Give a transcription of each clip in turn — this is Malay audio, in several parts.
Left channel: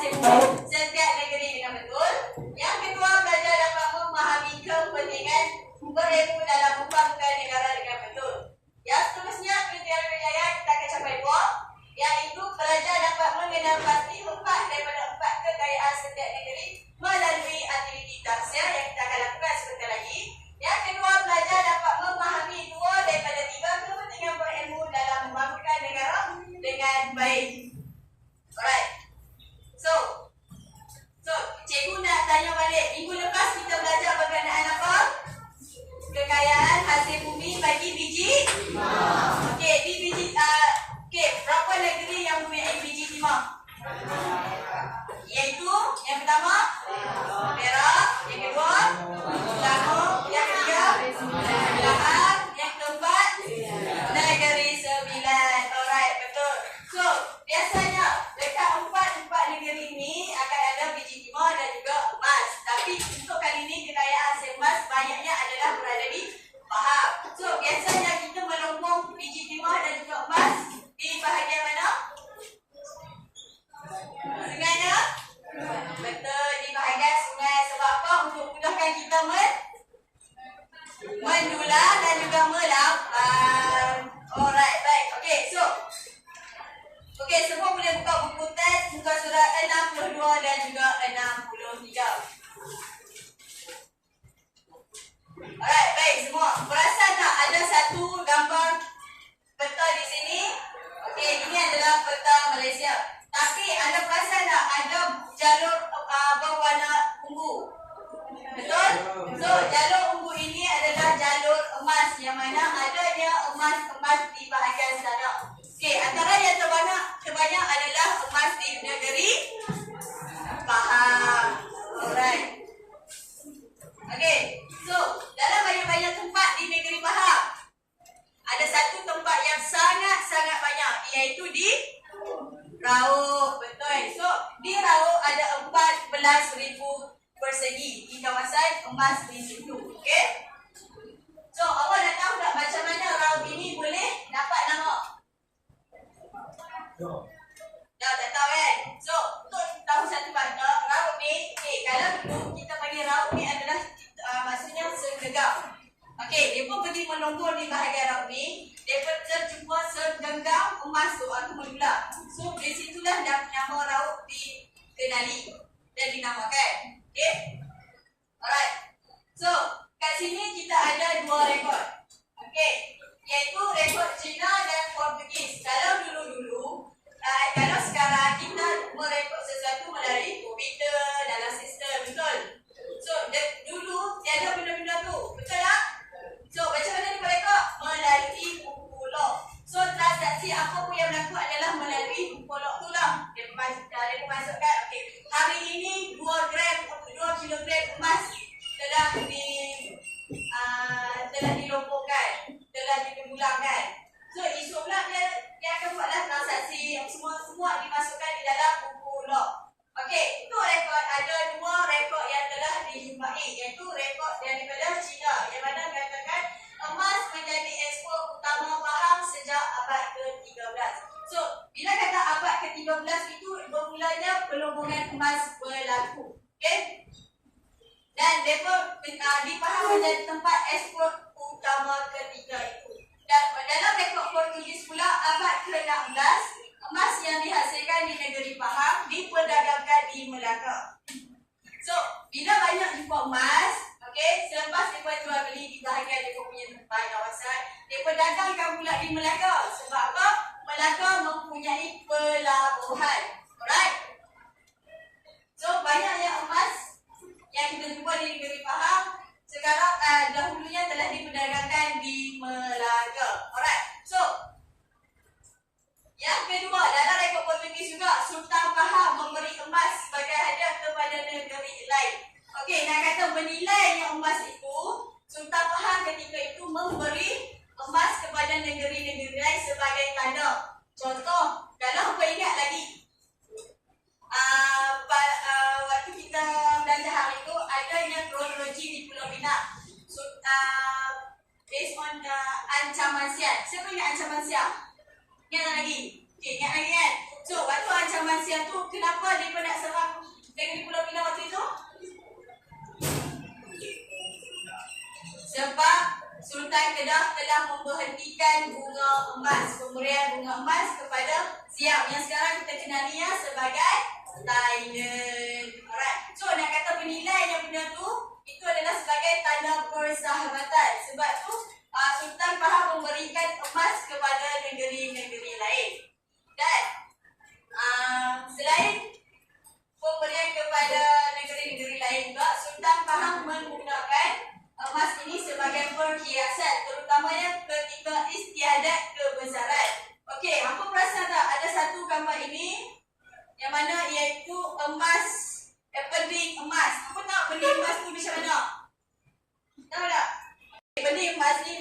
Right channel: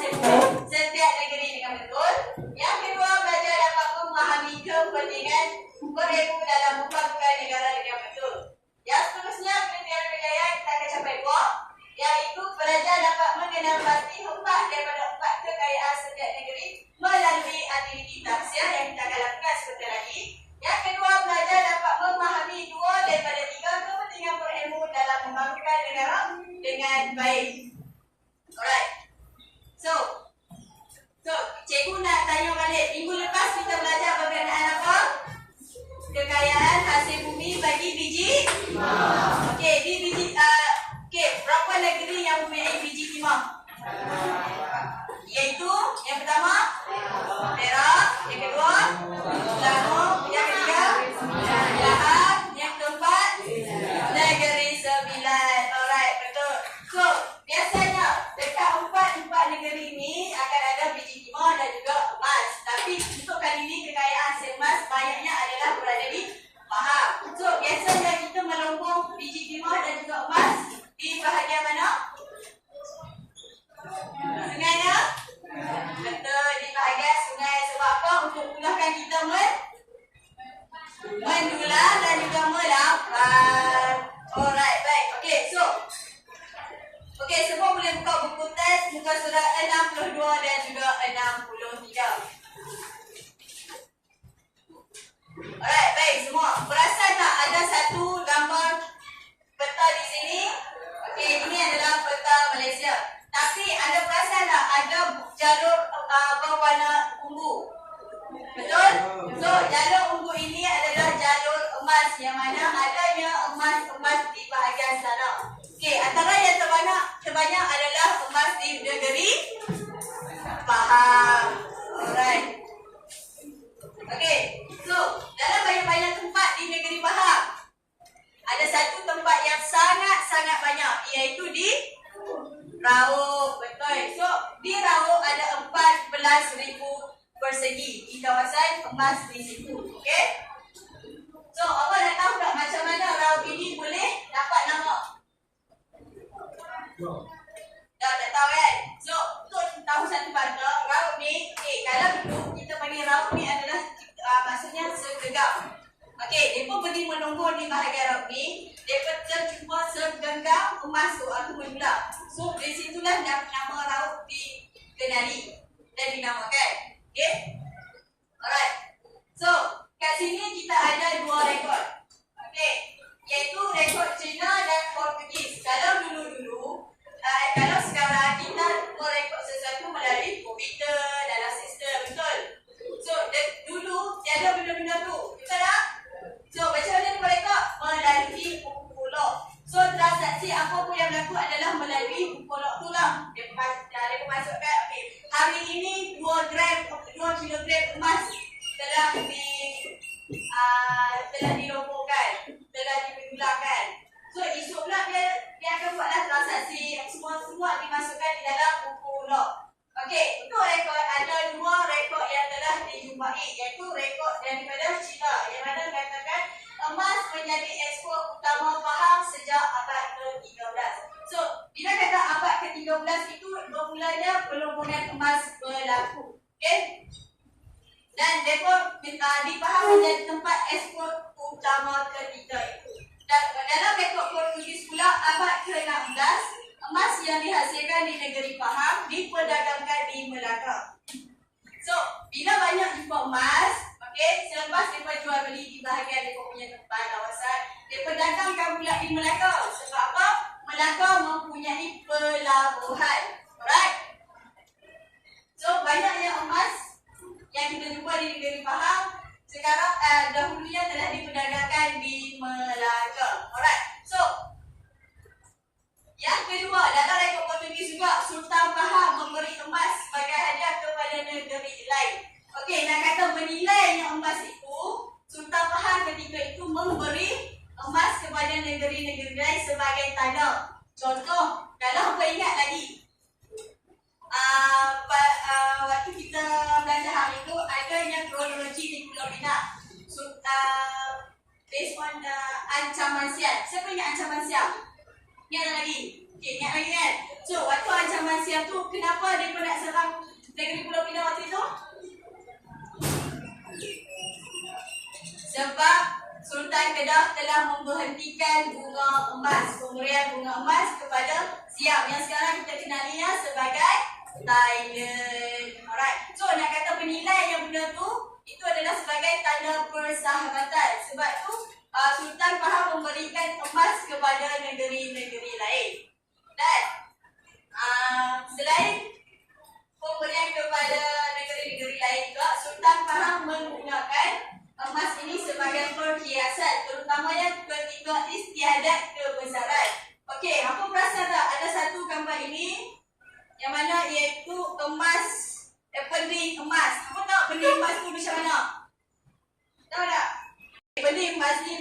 hasil bumi setiap negeri dengan betul. Yang kedua, belajar dapat memahami kepentingan berilmu dalam membangun negara dengan betul. Yang seterusnya, kriteria kejayaan kita akan capai 2, iaitu belajar dapat mengenal pasti 4 daripada 4 kekayaan setiap negeri melalui aktiviti tafsir yang kita akan lakukan sebentar lagi. Yang kedua, belajar dapat memahami 2 daripada 3 kepentingan berilmu dalam membangunkan negara dengan baik. Alright. So, cikgu nak tanya balik. Minggu lepas kita belajar berkenaan apa? Kekayaan hasil bumi bagi biji timah. Okey, di biji berapa negeri yang mempunyai biji timah? Iaitu yang pertama Perak, yang kedua Selangor, yang ketiga Pahang, yang keempat Negeri Sembilan. Alright, betul. So, biasanya dekat empat negeri ini akan ada biji timah dan juga emas. Tapi untuk kali ini kekayaan hasil emas banyaknya adalah berada di Pahang. So, biasanya kita melumbung biji timah dan juga emas di bahagian mana? Sungainya? Betul, di bahagian sungai. Sebab apa? Untuk mudahkan kita mendulang dan juga melampan. Alright, baik. Okey, so semua boleh buka buku teks muka surat 62 dan juga 63. Alright, baik semua. Perasan tak ada satu gambar peta di sini? Okey, ini adalah peta Malaysia. Tapi ada perasan tak ada jalur berwarna ungu? Betul? So, jalur ungu ini adalah jalur emas yang mana adanya emas di bahagian sana. Okey, antara yang terbanyak adalah emas di negeri Pahang. Alright. Okey, so dalam banyak-banyak tempat di negeri Pahang, ada satu tempat yang sangat-sangat banyak, iaitu di Rauk. Betul. So, di Rauk ada 14,000 persegi di kawasan emas di situ. Okey? So, awak nak tahu tak macam mana Rauk ini boleh dapat nama? Dah tak tahu kan? So, untuk tahu satu benda, Rauk ni, kalau dulu kita panggil Rauk ni adalah maksudnya segregam. Okey, mereka pergi menunggu di bahagian Rauk ni, mereka terjumpa segenggam emas tu atau mendulang. So, di situlah nama Rauk dikenali dan dinamakan. Okey? Alright. So, kat sini kita ada 2 rekod. Okey, iaitu rekod Cina dan Portugis. Kalau dulu-dulu, kalau sekarang kita merekod sesuatu melalui komputer dalam sistem, betul? So, dulu tiada benda-benda tu, betul tak? So, macam mana dia merekod? Melalui buku log. So, transaksi apa pun yang berlaku adalah melalui buku log tu lah. Dia masukkan, okey, hari ini 2 kilogram emas telah dilombokan, telah dipendulangkan. So, esok pula dia akan buatlah transaksi semua dimasukkan di dalam buku log. Okey, untuk rekod ada 2 rekod yang telah dijumpai, iaitu rekod daripada China yang mana mengatakan emas menjadi ekspor utama Pahang sejak abad ke-13. So, bila kata abad ke-13 itu bermulanya pelumbungan emas berlaku. Okey? Dan mereka di Pahang menjadi tempat ekspor utama ketiga itu. Dan dalam rekod Portugis pula abad ke-16, emas yang dihasilkan di negeri Pahang diperdagangkan di Melaka. So, bila banyak jumpa emas, okey, selepas mereka jual beli di bahagian mereka punya tempat kawasan, mereka dagangkan pula di Melaka. Sebab apa? Melaka mempunyai pelabuhan. Alright? So, banyaknya emas yang kita jumpa di negeri Pahang sekarang dahulunya telah diperdagangkan di Melaka. Alright. So, yang kedua, dalam rekod Portugis juga, Sultan Pahang memberi emas sebagai hadiah kepada negeri lain. Okey, nak kata menilainya emas itu, Sultan Pahang ketika itu memberi emas kepada negeri-negeri lain sebagai tanda. Contoh, kalau apa ingat lagi, waktu kita belajar hari itu, adanya kronologi di Pulau Pinang. So, based on ancaman siang. Siapa ingat ancaman siang? Ingat lagi? Okay, ingat lagi kan? So, waktu ancaman siang tu, kenapa dia nak serang Sebab Sultan Kedah telah memberhentikan bunga emas, pemberian bunga emas kepada Siam yang sekarang kita kenalinya sebagai Thailand. Alright. So nak kata bernilai yang benda tu itu adalah sebagai tanda persahabatan. Sebab tu Sultan faham memberikan emas kepada negeri-negeri lain. Dan selain pemberian kepada negeri-negeri lain juga, Sultan faham menggunakan emas ini sebagai perhiasan, terutamanya ketika istiadat kebesaran. Okey, apa perasan tak? Ada satu gambar ini yang mana iaitu emas, benih emas. Apa tahu benih emas tu macam mana? Tahu tak? Benih emas ni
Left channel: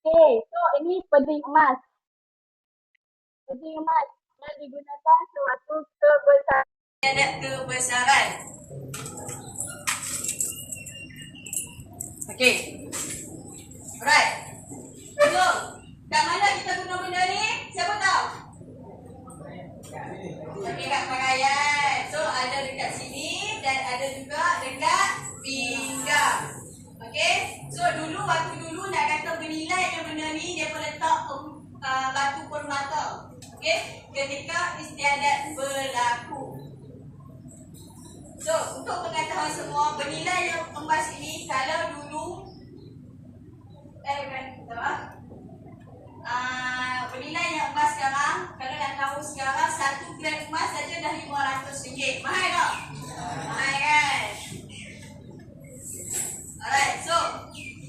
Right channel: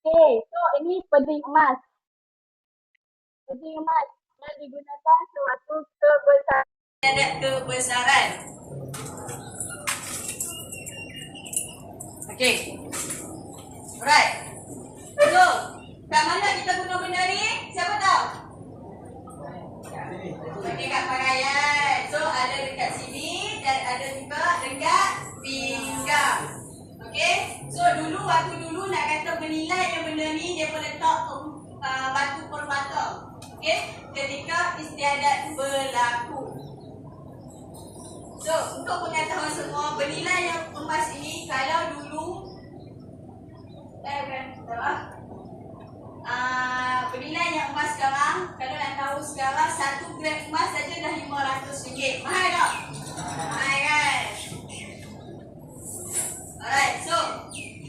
okay, so ini benih emas. Benih emas yang digunakan sewaktu kebesaran. Istiadat kebesaran. Okay. Alright. So, kat mana kita guna benda ni? Siapa tahu? Okay, kat pakaian. So, ada dekat sini dan ada juga dekat pinggang. Okay. So, waktu dulu nak kata bernilai yang benda ni, dia pun letak batu permata. Okay. Ketika istiadat berlaku. So, untuk pengetahuan semua, bernilai yang emas ini kalau dulu bernilai yang emas sekarang, kalau nak tahu sekarang 1 gram emas saja dah RM500. Mahal tak? Mahal kan? Alright, so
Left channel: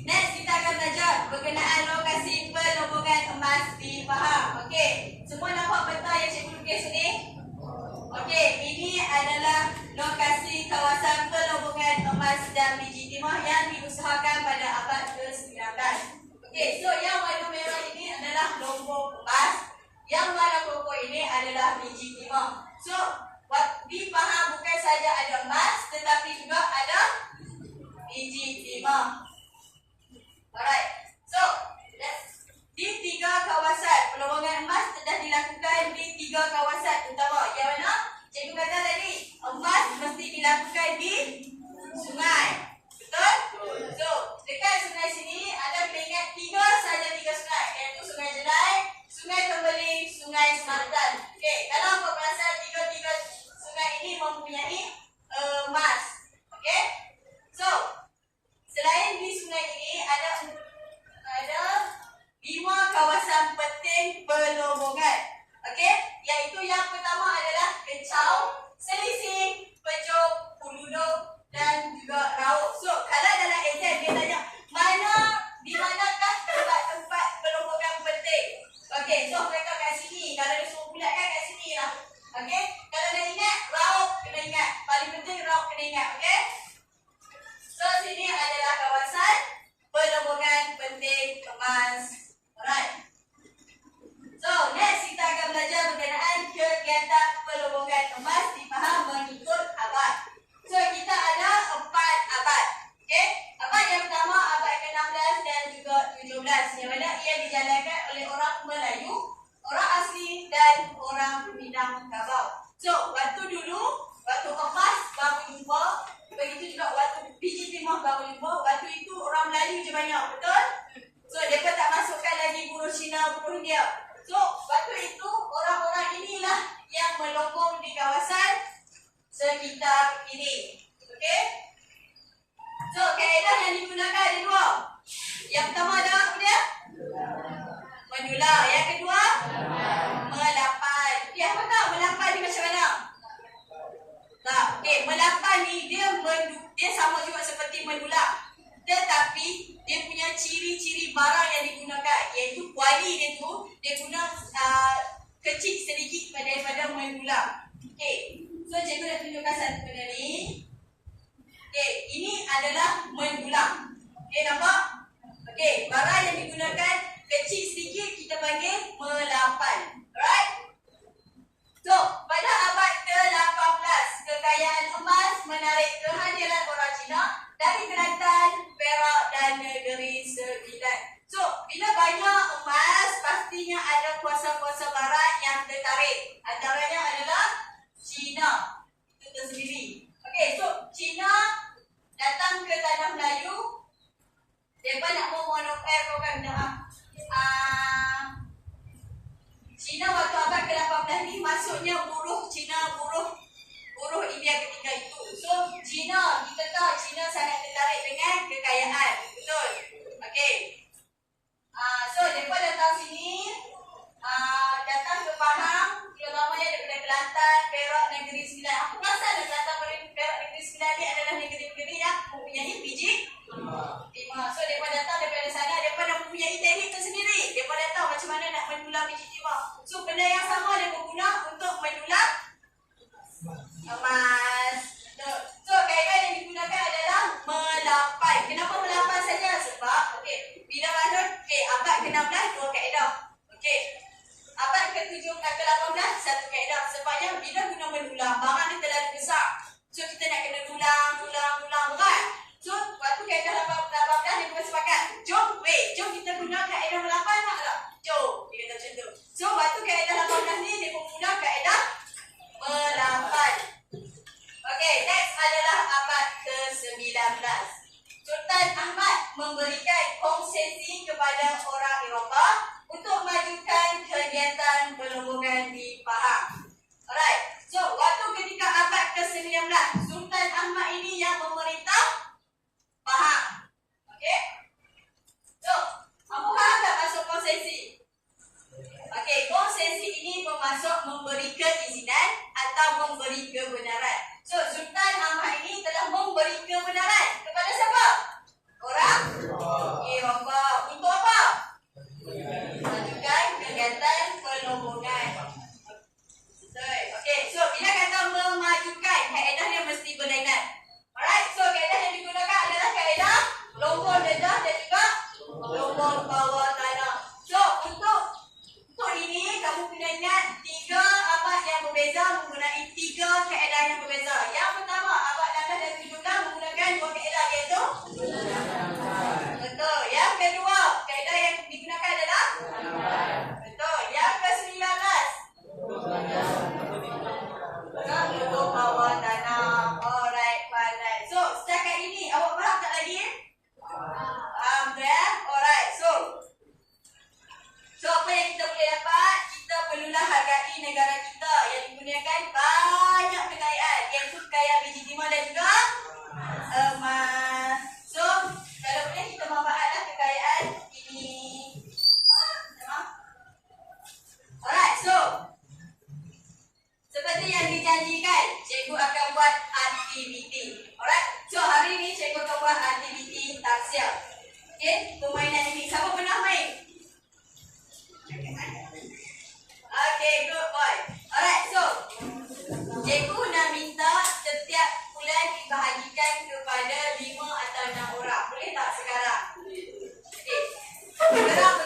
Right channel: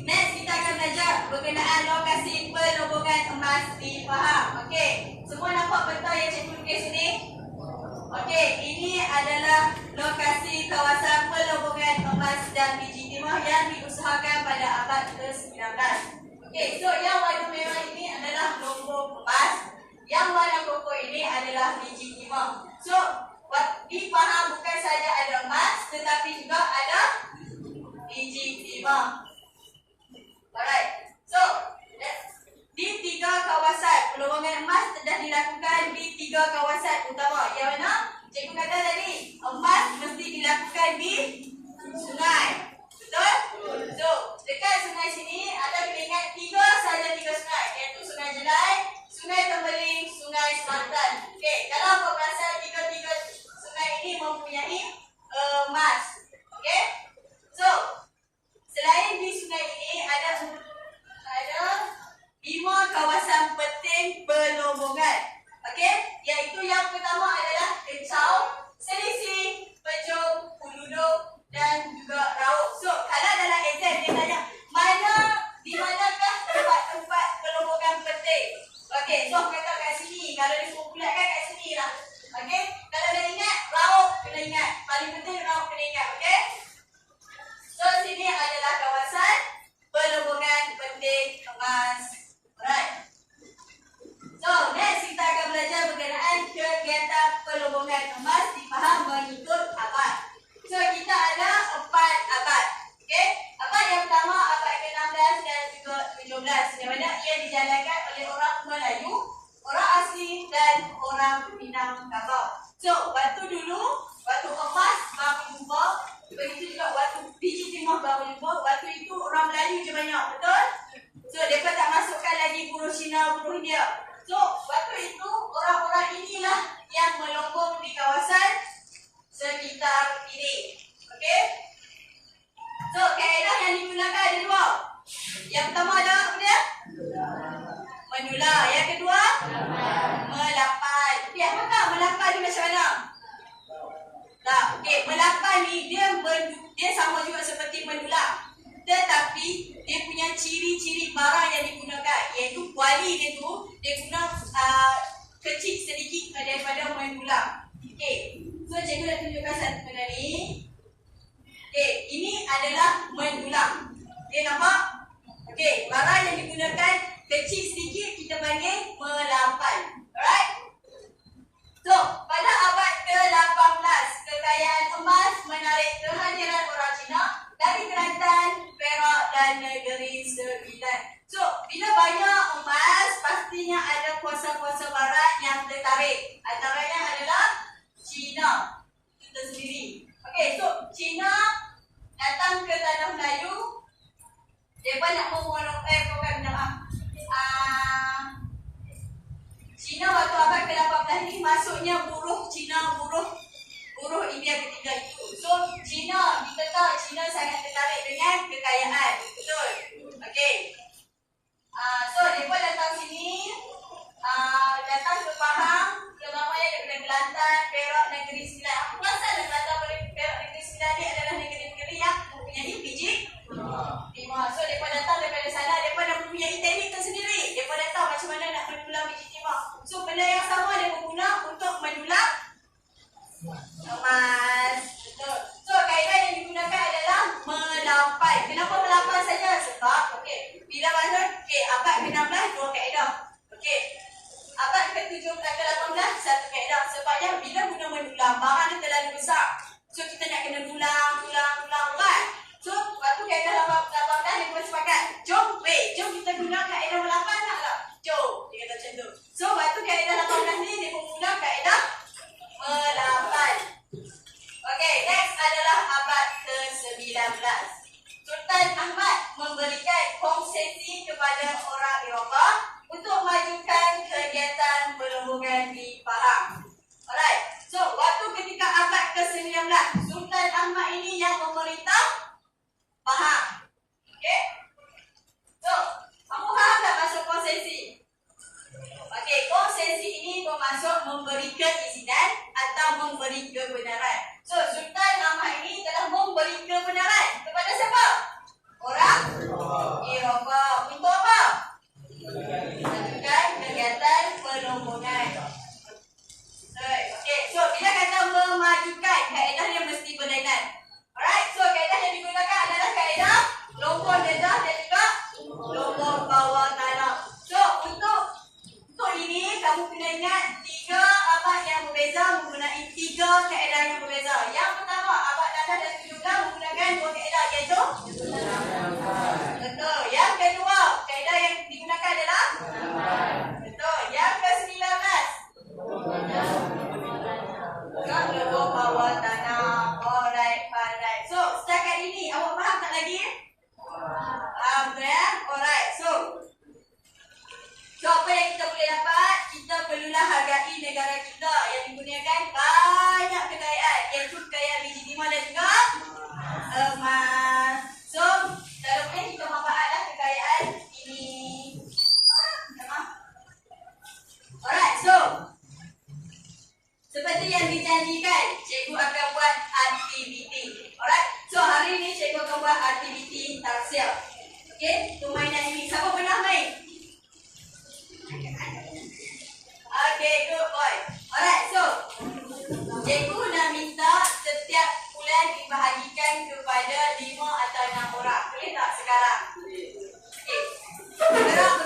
next kita akan belajar berkenaan lokasi pelobongan emas di Pahang. Okey, semua nampak peta yang cikgu lukis sini? Okey, ini adalah lokasi kawasan pelobongan emas dan biji timah yang diusahakan pada abad ke-19. Okey, so yang warna merah ini adalah lombok emas, yang warna koko ini adalah biji timah. So, di Pahang bukan saja ada emas tetapi juga ada biji timah. Alright, so di 3 kawasan pelobongan emas telah dilakukan di 3 kawasan utama. Yang mana cikgu kata tadi, emas mesti dilakukan di sungai. Betul? So, dekat sungai sini ada kita ingat 3 sungai, iaitu Sungai Jelai, Sungai Tembeling, Sungai Semantan. Okey, kalau apa perasan 3 sungai ini mempunyai emas. Okey? So, selain di sungai ini ada 5 kawasan penting pelobongan. Okey, iaitu yang pertama adalah Kecau, Selising, Pejom, Puluduk dan juga Rauk. So, kalau dalam exam dia tanya di manakah tempat-tempat pelobongan penting? Okey, so kata kat sini. Kalau disuruh bulatkan kat sini lah. Okey, kalau dah ingat Rauk kena ingat. Paling penting Rauk kena ingat. Okey. So, sini adalah kawasan pelobongan penting emas. Alright. So, next kita akan belajar berkenaan kegiatan pelobongan emas di Pahang mengikut abad. So, kita ada 4 abad. Okey. Abad yang pertama, abad ke-16 dan juga 17. Yang mana ia dijalankan oleh orang Melayu, orang asli dan orang Minangkabau. So, waktu dulu, waktu emas baru jumpa, begitu juga waktu biji timah baru jumpa, waktu itu orang Melayu je banyak, betul? So, mereka tak masukkan lagi buruh Cina, buruh India. So, waktu itu orang-orang inilah yang melobong di kawasan sekitar ini. Okey? So, kaedah yang digunakan ada 2. Yang pertama ada apa dia? Mendular. Yang kedua? Melapan. Okey, apa tahu melapan ni macam mana? Tak. Okey, melapan ni dia sama juga seperti mendular. Tetapi dia punya ciri-ciri barang yang digunakan, iaitu kuali dia tu dia guna kecil sedikit daripada mendular. Okey. So, cikgu dah tunjukkan satu benda ni. Okey, ini adalah mendular. Okey, nampak? Okey, barang yang digunakan kecil sedikit kita panggil melapan. Alright? So, pada abad ke-18, kekayaan emas menarik kehadiran orang Cina dari Kelantan, Perak dan negeri Sembilan. So, bila banyak emas, pasti pastinya ada kuasa-kuasa barat yang tertarik. Antaranya adalah China. Itu tersendiri. Okey, so China datang ke tanah Melayu. Mereka nak bukan China waktu abad ke-18 ni masuknya buruh China, buruh India ketiga itu. So China, kita tahu China sangat tertarik dengan kekayaan. Betul? Okey. So mereka datang sini, datang ke Pahang, ulamanya daripada Kelantan, Perak, Negeri Sembilan. Apa pasal Kelantan, Perak, Negeri Sembilan ni adalah negeri-negeri yang mempunyai biji timah. So mereka datang daripada sana, mereka dah mempunyai teknik tersendiri. Mereka dah tahu macam mana nak mendulang biji timah. So benda yang sama mereka guna untuk mendulang emas. Betul. So kaedah yang digunakan adalah melampai. Kenapa melampai saja? Sebab bila bangun abad ke-16 dua kaedah. Abad ke-17 ke-18 satu kaedah. Sebabnya bila guna mendulang, barang dia terlalu besar. So kita nak kena dulang berat. So waktu kaedah 18 dia sepakat, jom kita guna kaedah melampai nak tak? Jom, dia kata macam tu. So waktu kaedah 18 ni dia mula kaedah melampai. Okey, next adalah abad ke-19. Sultan Ahmad memberikan konsesi kepada orang Eropah untuk majukan kegiatan perlombongan di Pahang. Alright, so waktu ketika abad ke-19, Sultan Ahmad ini yang memerintah Pahang. Okey, so kamu faham tak masuk konsesi? Okey, konsesi ini bermaksud memberi keizinan atau memberi kebenaran. So Sultan Ahmad ini telah memberi kebenaran kepada siapa? Orang Eropah. Untuk apa? Majukan kegiatan perlombongan. Okey, so bila kata memajukan, kaedah dia mesti berlainan. Alright, so kaedah yang digunakan adalah kaedah lombor dedah dan juga lombor bawah tanah. So untuk ini kamu kena ingat 3 abad yang berbeza menggunakan 3 kaedah yang berbeza. Yang pertama, abad 16 dan 17 menggunakan 2 kaedah, iaitu betul. Yang kedua, kaedah yang digunakan adalah betul. Yang ke-19 lombor bawah tanah. Alright. So setakat ini awak faham tak lagi? Faham ya? Alright. So apa yang kita boleh dapat? Kita perlulah hargai negara kita yang menggunakan banyak kekayaan, iaitu kekayaan biji timah dan juga emas. So kalau boleh kita manfaatlah kekayaan ini. Alright, so seperti yang dijanjikan, cikgu akan buat aktiviti. Alright, so hari ini cikgu akan buat aktiviti taksia. Okey, permainan ini siapa pernah main? Okay, good boy. Alright, so cikgu nak minta setiap bulan dibahagikan kepada 5 atau 6 orang. Boleh tak sekarang? Okay. Bergerak.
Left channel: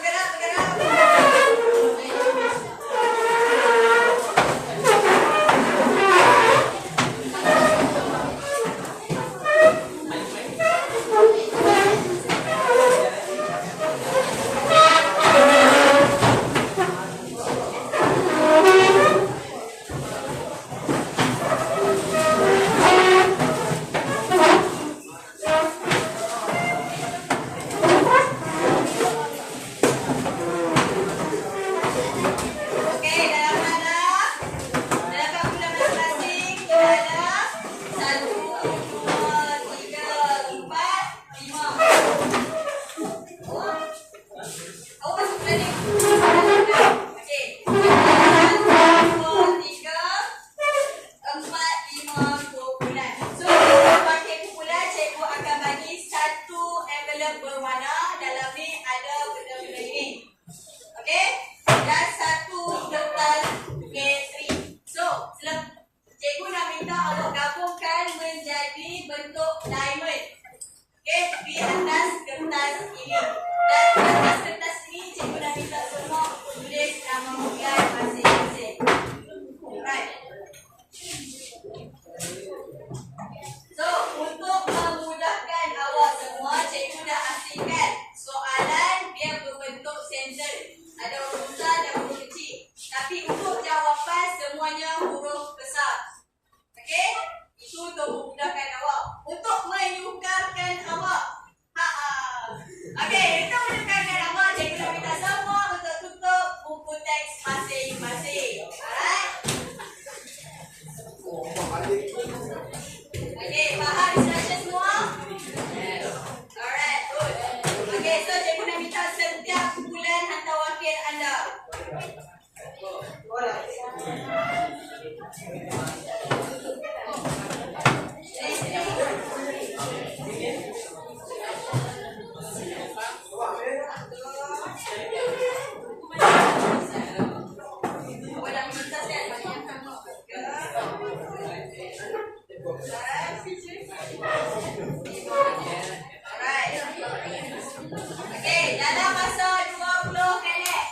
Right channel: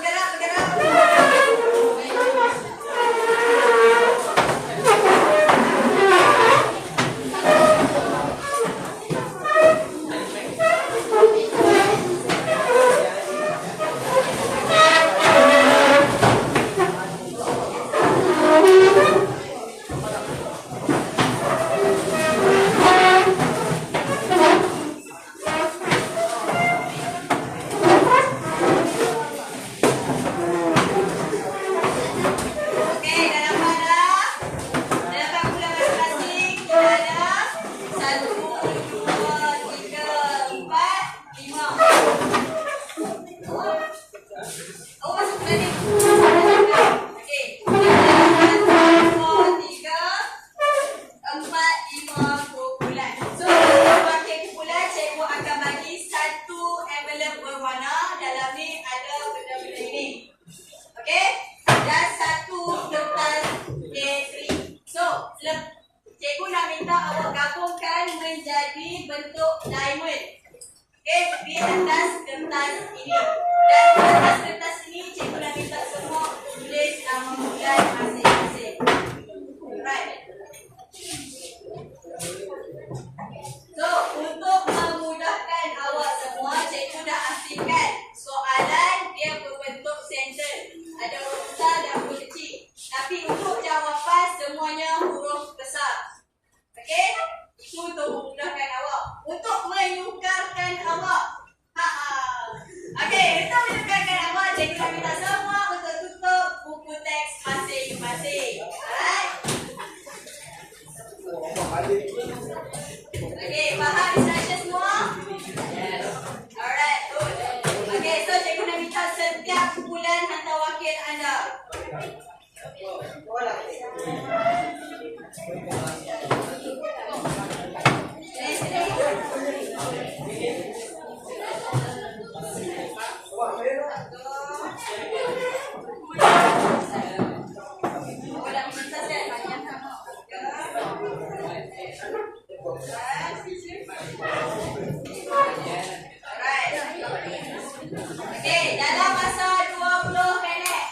Okey, dalam masa 20 minit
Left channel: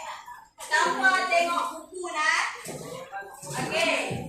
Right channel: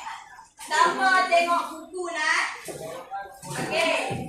tanpa tengok buku nak. Okey.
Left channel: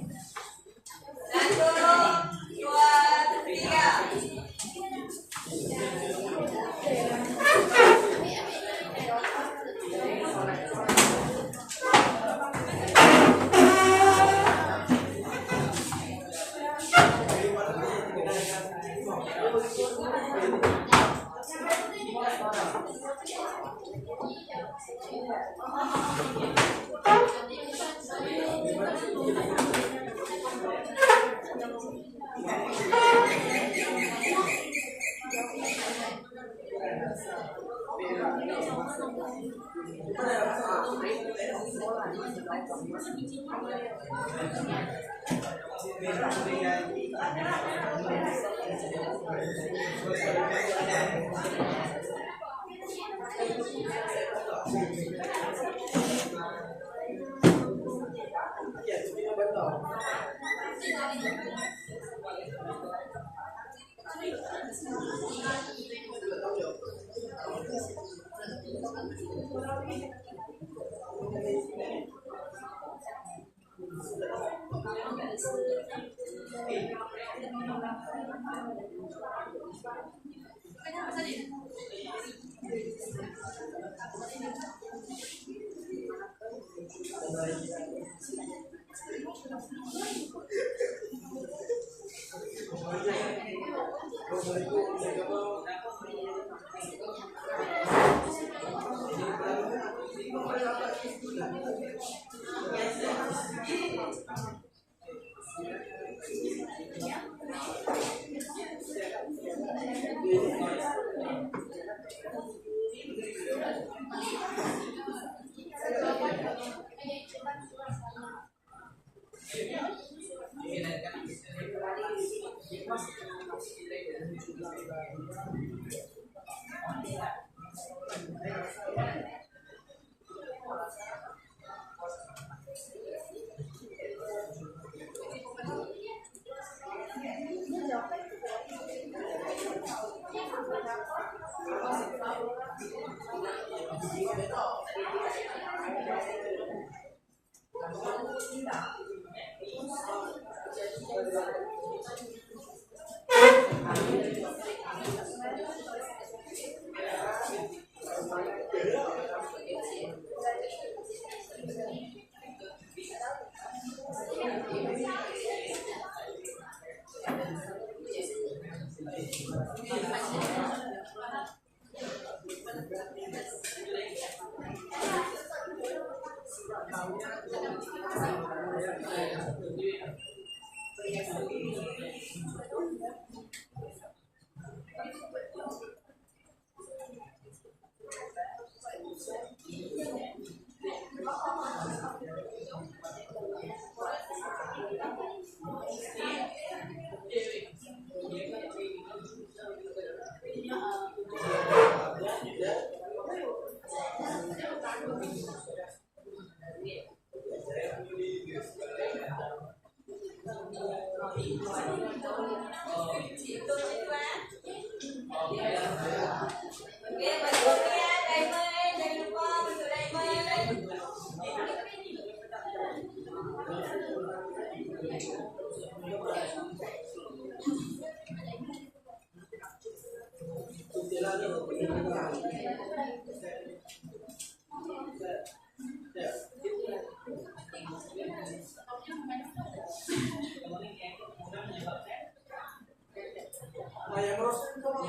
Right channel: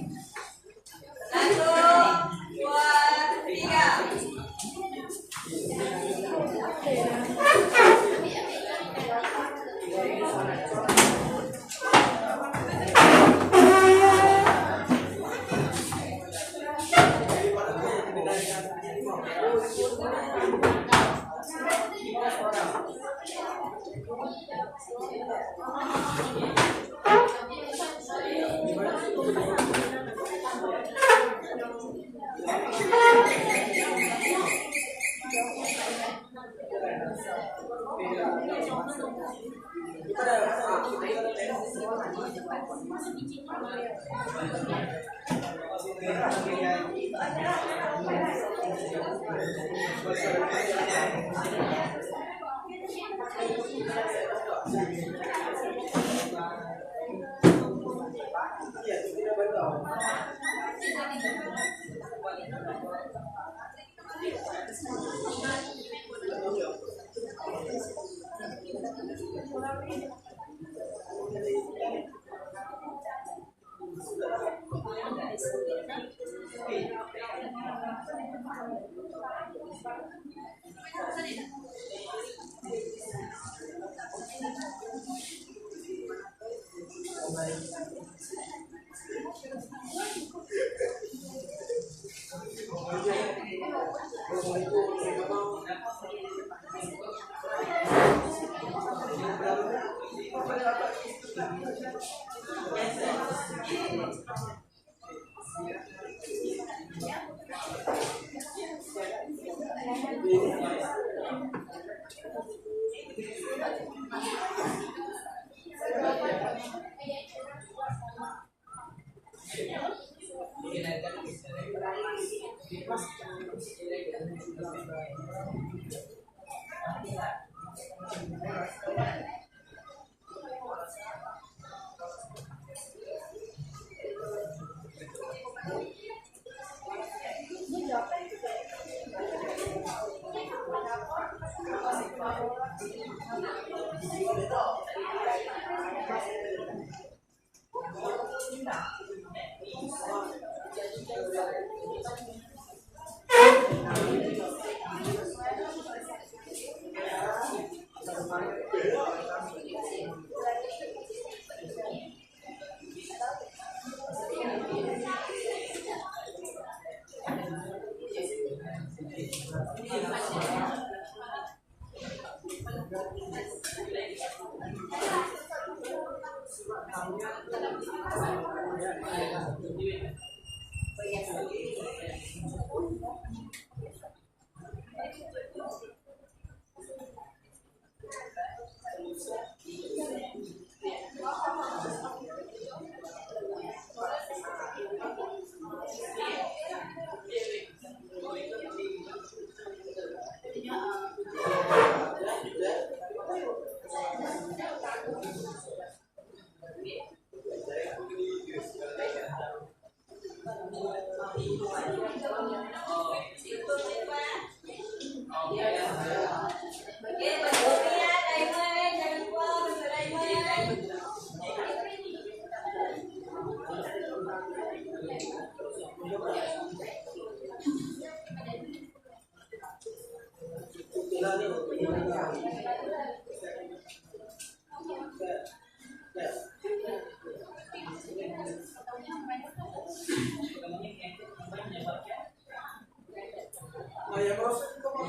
1, 2, 3.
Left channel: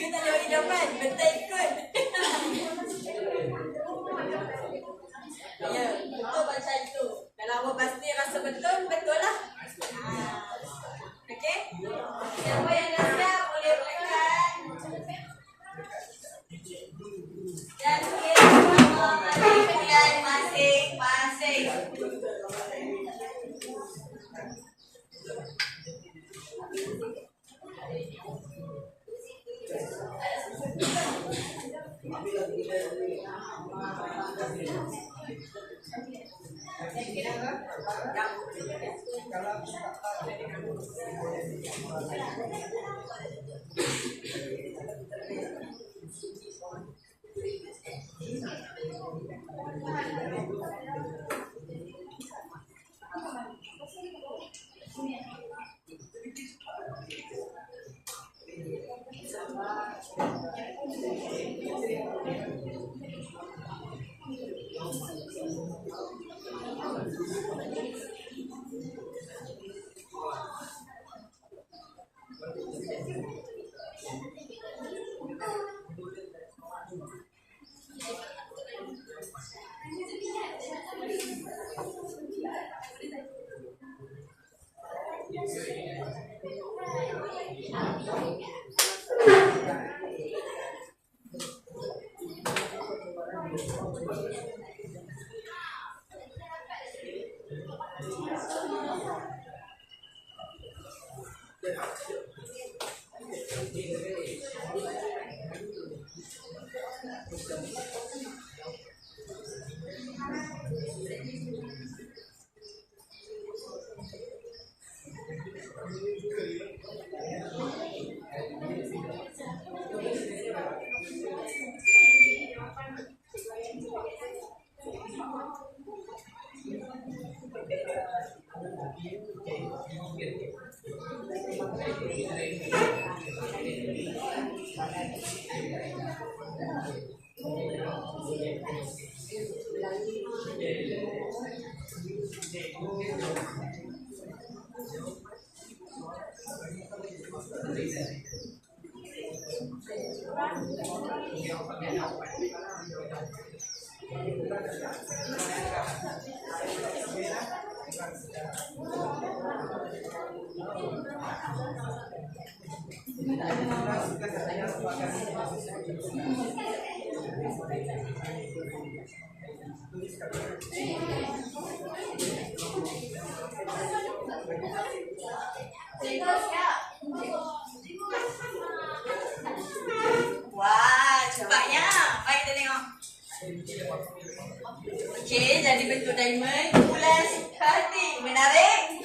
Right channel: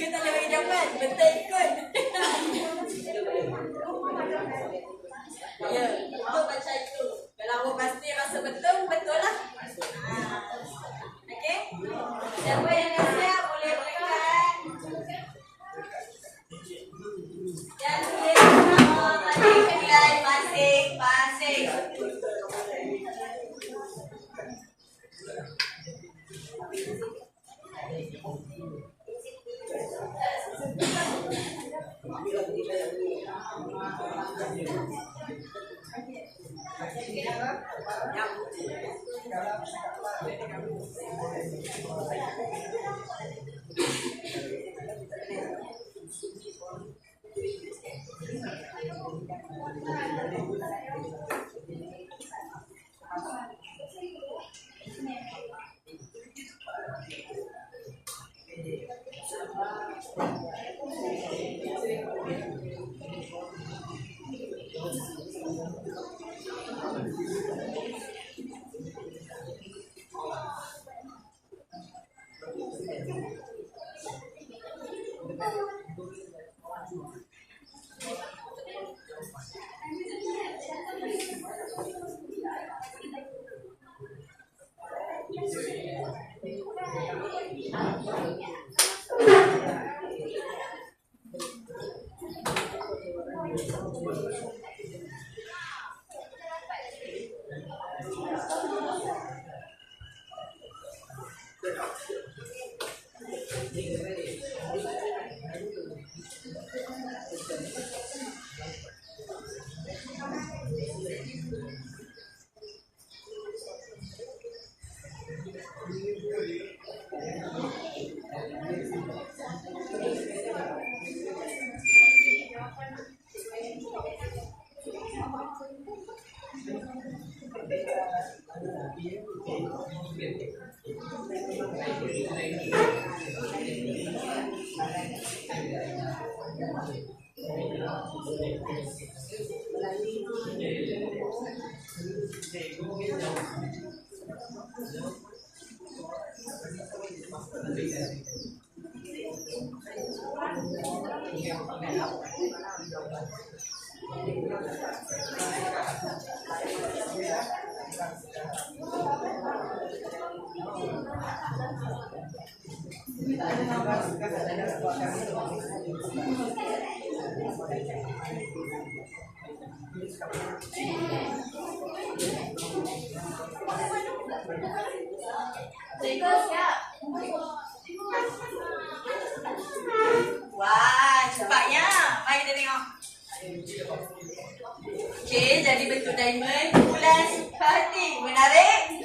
You tak boleh bagi jawapan. Betul ikut. Ya, betul macam itu. Kalau awak pasti rasa betul, betul lah. Okey? Siapa yang dah siap boleh berikan. Dan kita tadi pilihan masing-masing. Wah, cepatnya. Baik kita tengok. Okey, jadi bentuk diamond, bulan hati. Menarik?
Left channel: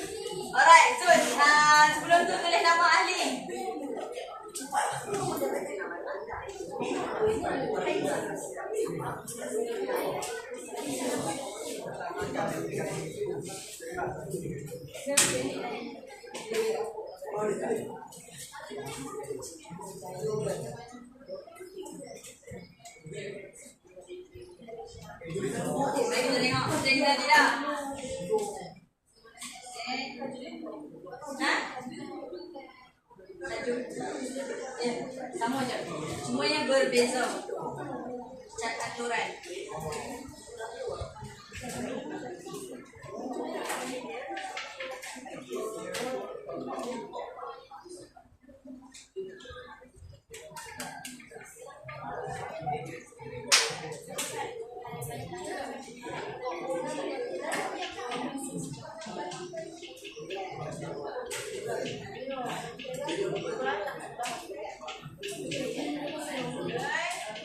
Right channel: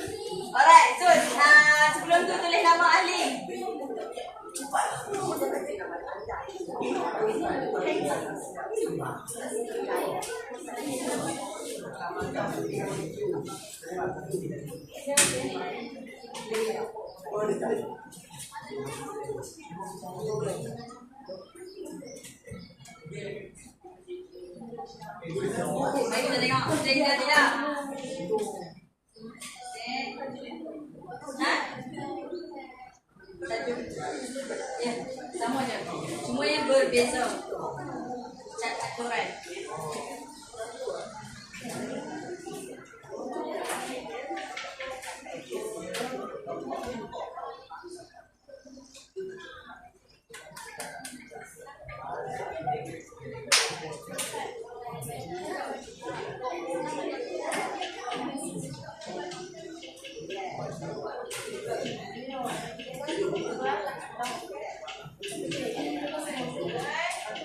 Alright, so sebelum tu tulis nama ahli. Baik, kita tengok. Kita tidak. Ya, sama je. Semuanya berbeza. Cat aturan.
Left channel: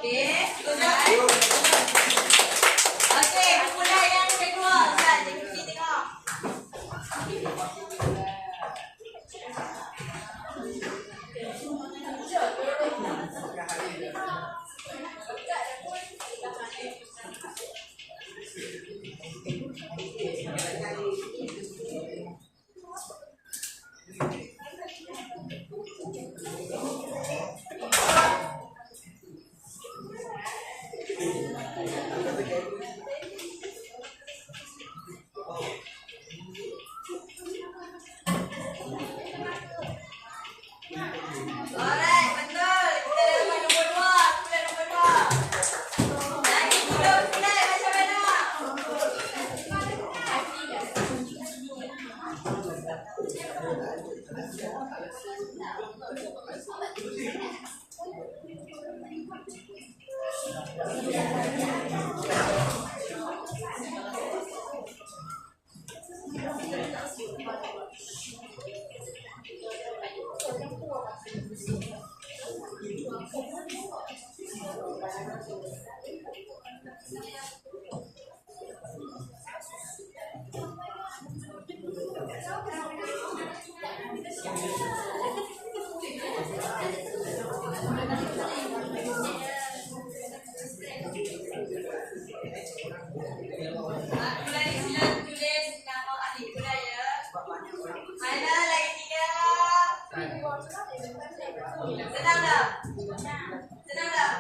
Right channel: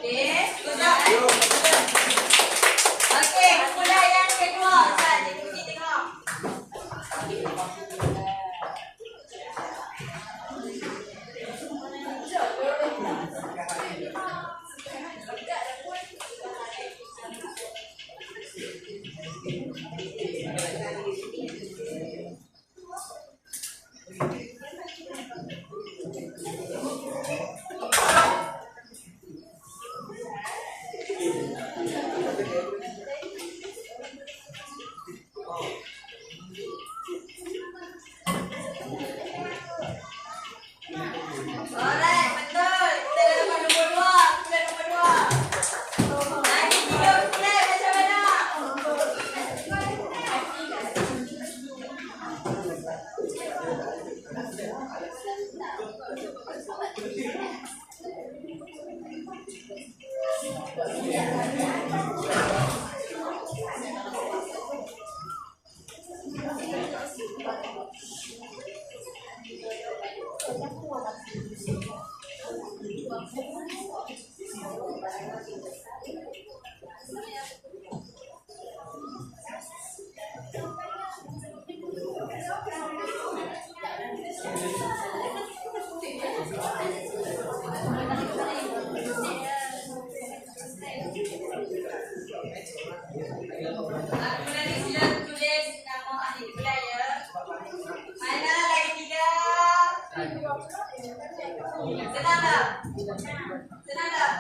Okey, setuju? Senang tak? Senang tak?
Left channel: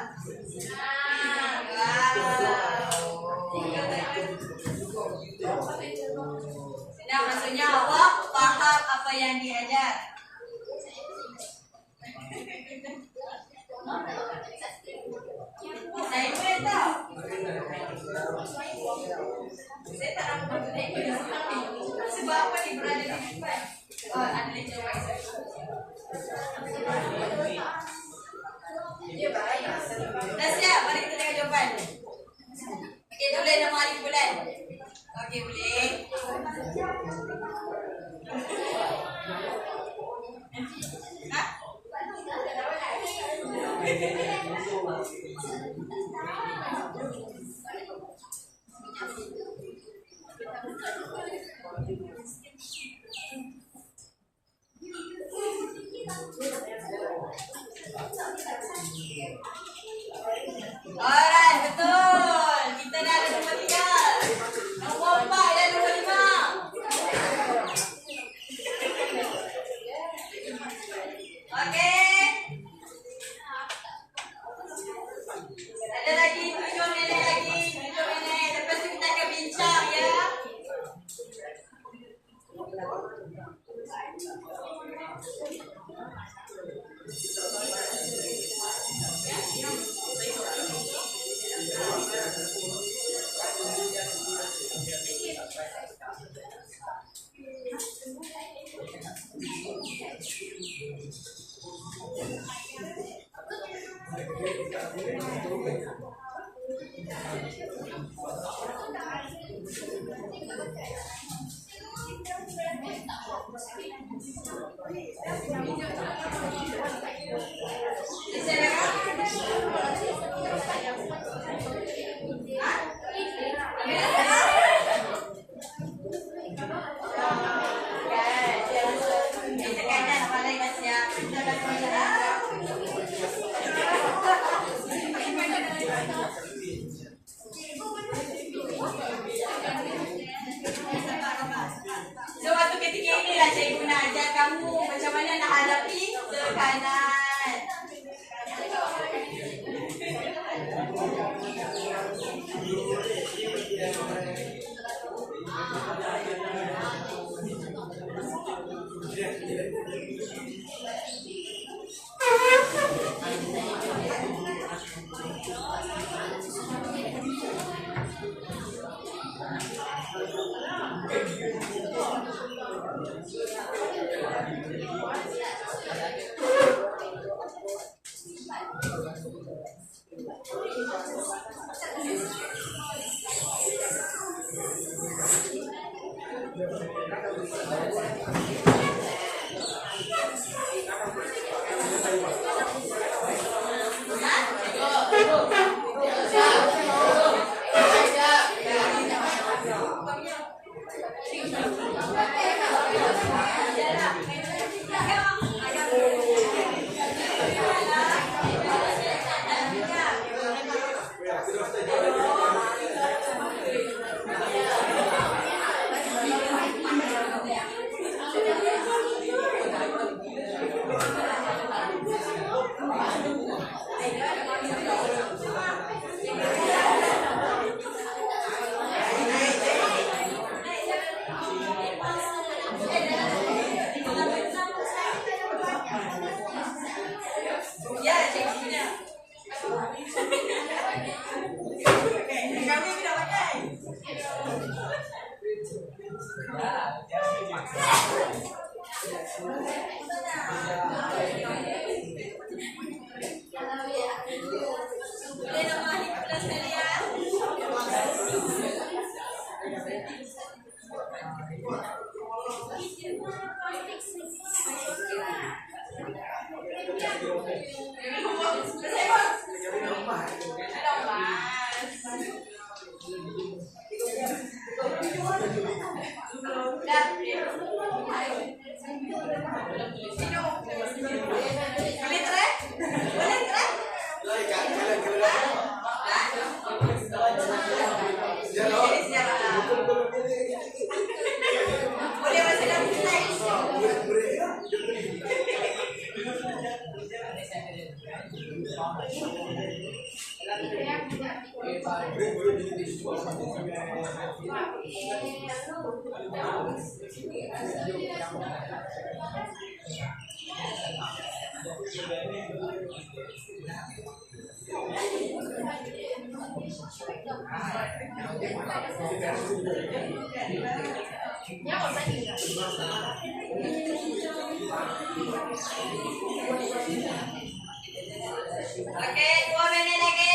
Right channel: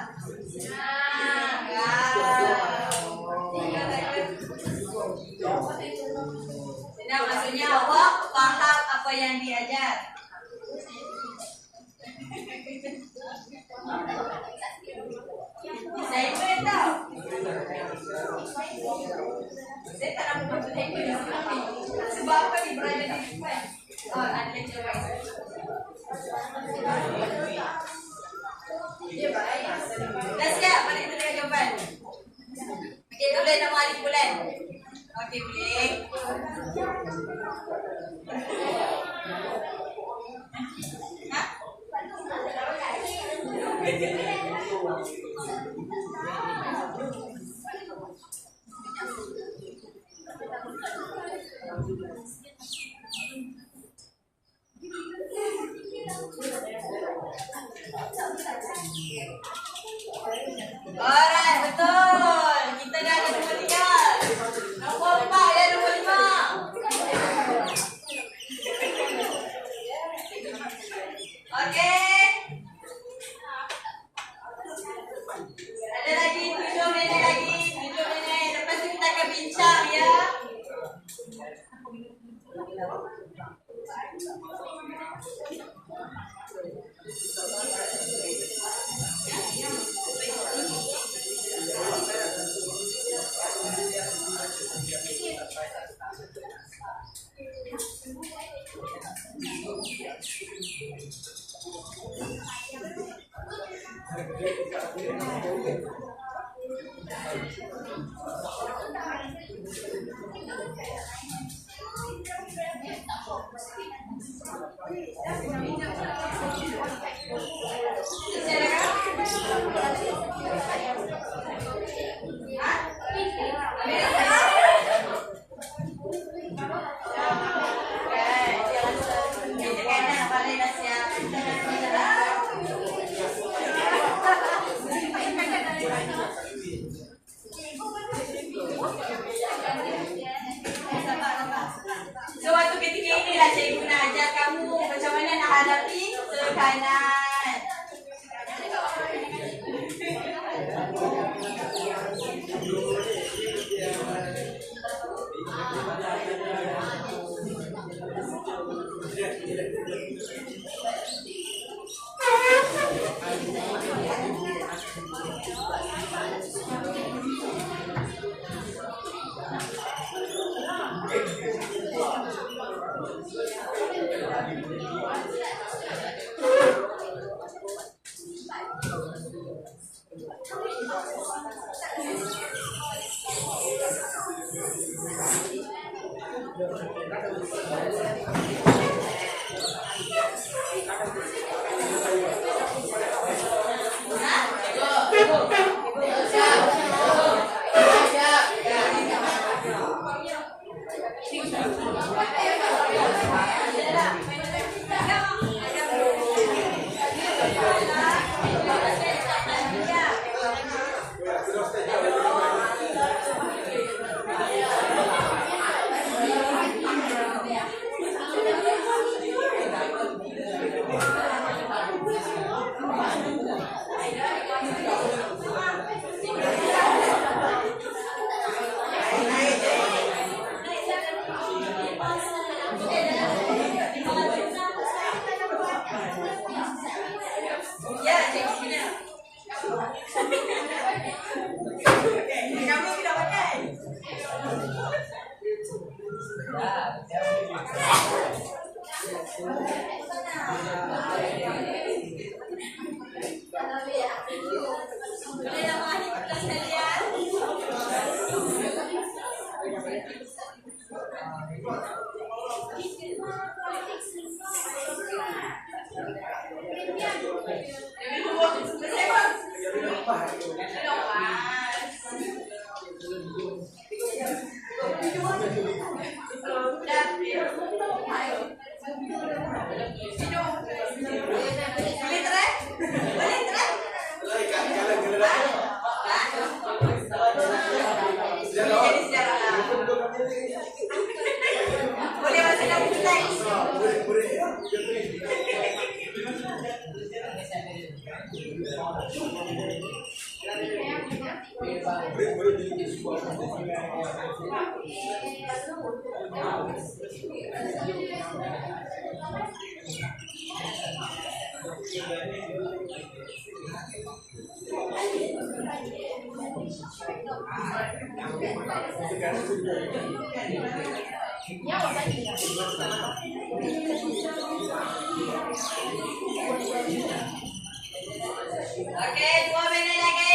Senang maksudnya awak faham apa yang diajar. Saya pun tahu. Saya tak nak masuk lecture di sini. Sebab apa ni berada di depan? Ada lecture baik. Dah siap? Mari kita tengok jawapan. Okey, tulis nama hari bulan. Okey, boleh. Ha? Alright, betul. Kita dah ada nombor 3. Nombor 4 dan nombor 5. Okey. Ada lagi 7 minit lagi. 7 minit. Lepas tu kita akan bincang ya. So waktu ketika inilah cikgu nak ajar kamu macam mana nak hadapi tekanan. Boleh nama ahli pula sekalian. Okey, 2 minit lagi.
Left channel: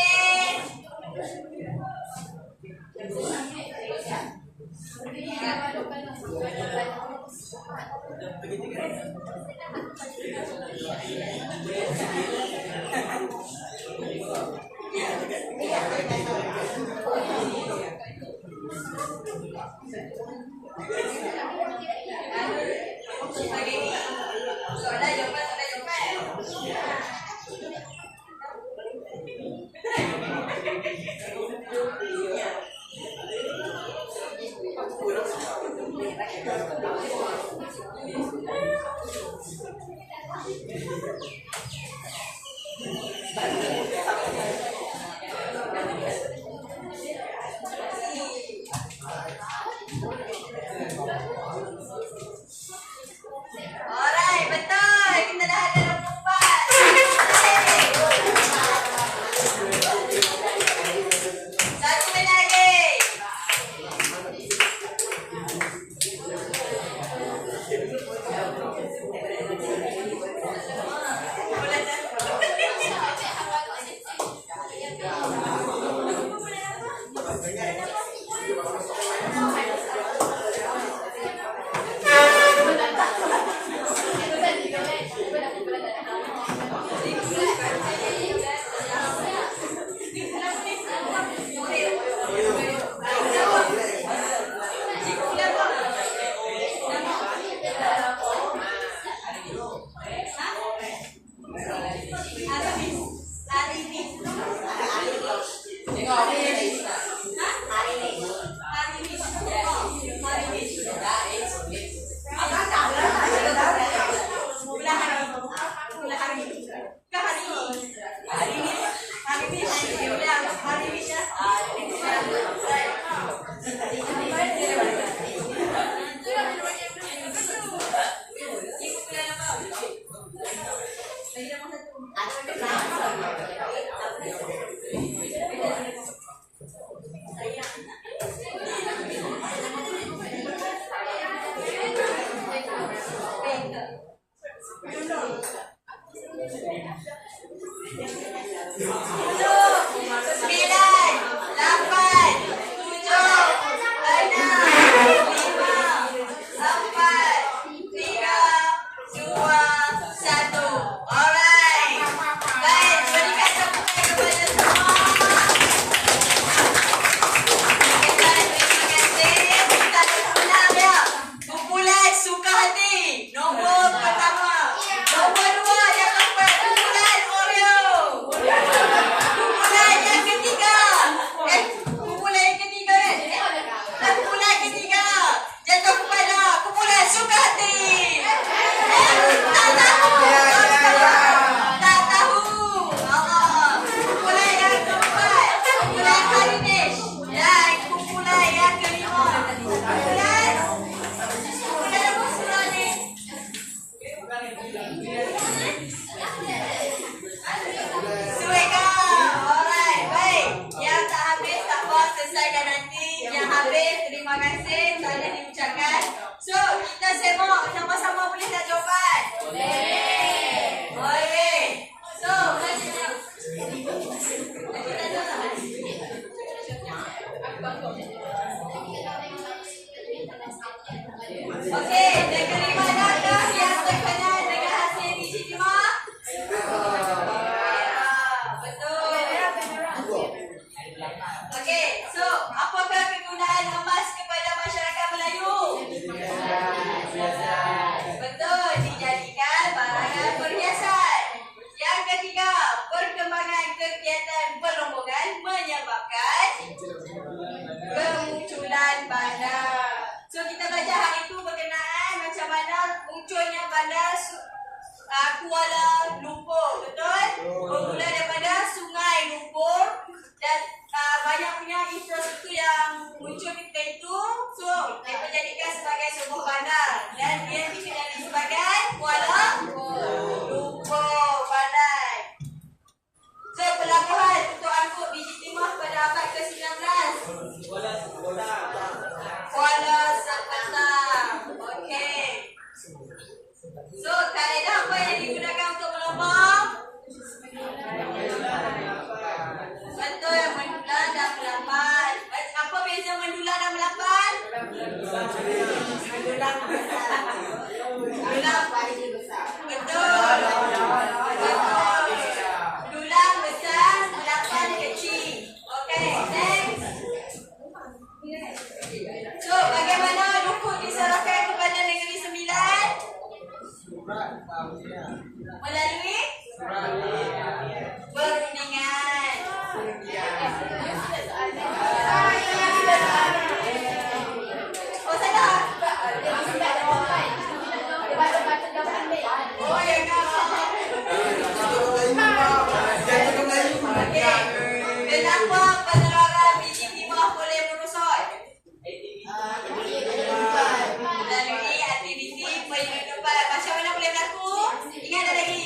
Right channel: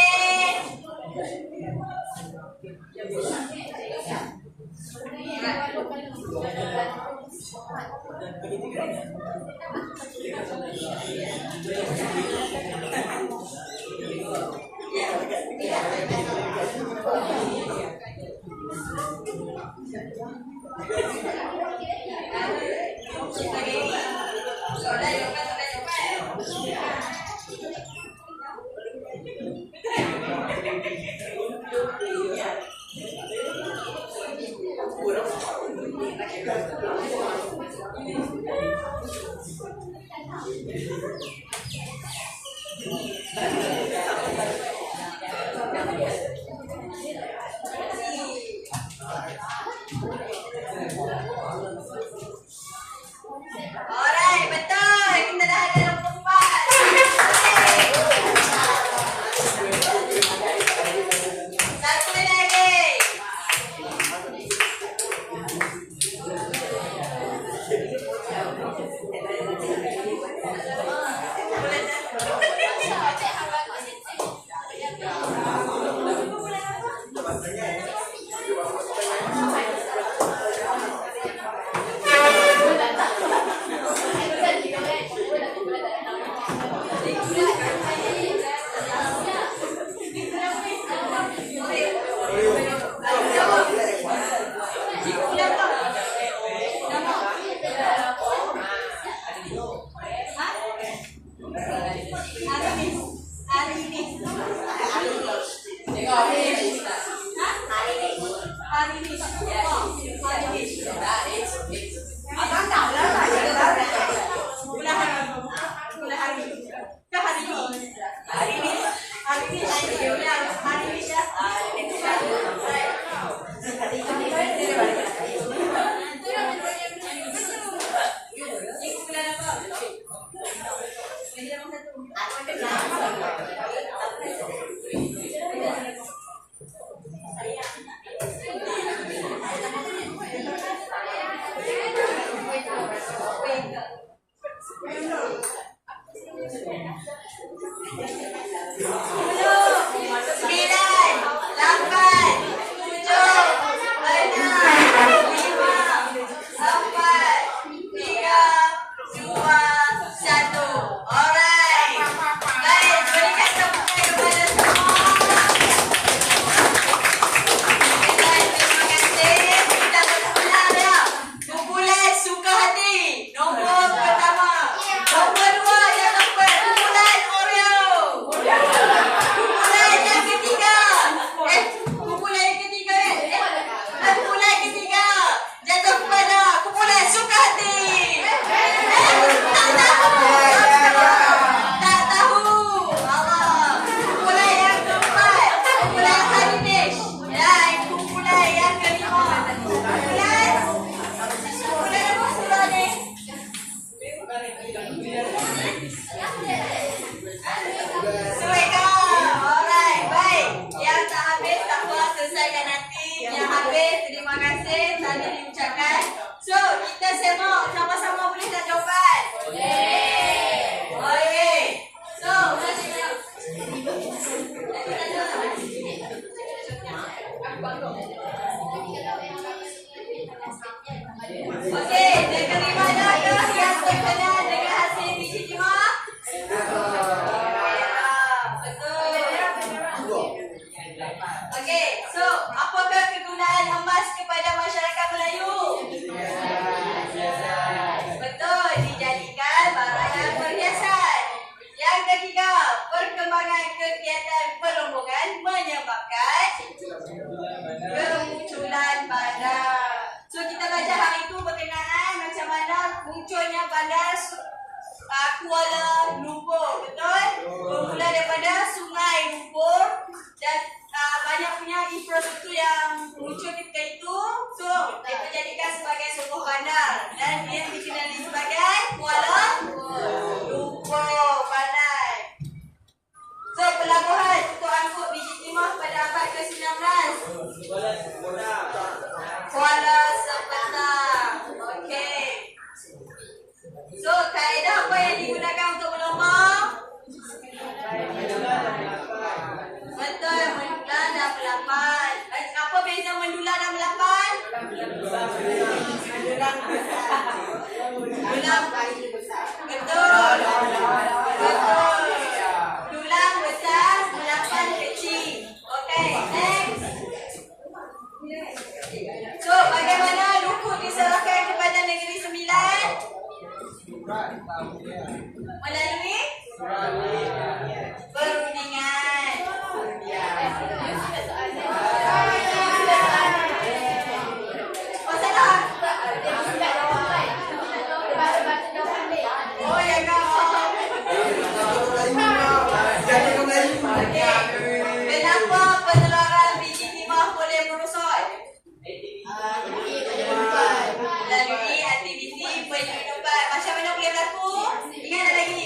Alright, betul. Kita dah ada 24. Satu minit lagi. Terima kasih, tanya diucapkan. So, kita semua sama-sama boleh tak jawapan? Boleh. Kuala Lumpur. Betul? Bermula daripada Sungai Lumpur dan banyak punya infrastruktur yang muncul ketika itu. So, mereka jadikan sebagai sebuah bandar dan dia dikenali sebagai Kuala Lumpur Bandar. So, pelabuhan untuk angkut biji timah pada abad ke-19. Kuala Sepetang. Okey. So, kaedah apa yang digunakan untuk melompong? Betul, mendular dan melapan. Apa beza mendular dan melapan? Betul. Dulang besar, melapan kecil. Okey, next. So, bagaimana Lukut diserahkan kepada Negeri Sembilan? Melalui perundingan. Oh, salah. Oh, ya kak. Kenapa pengeluaran biji timah boleh merosot? Melalui aktiviti penghidupan. Macam mana boleh berlaku? Ingat tak lagi?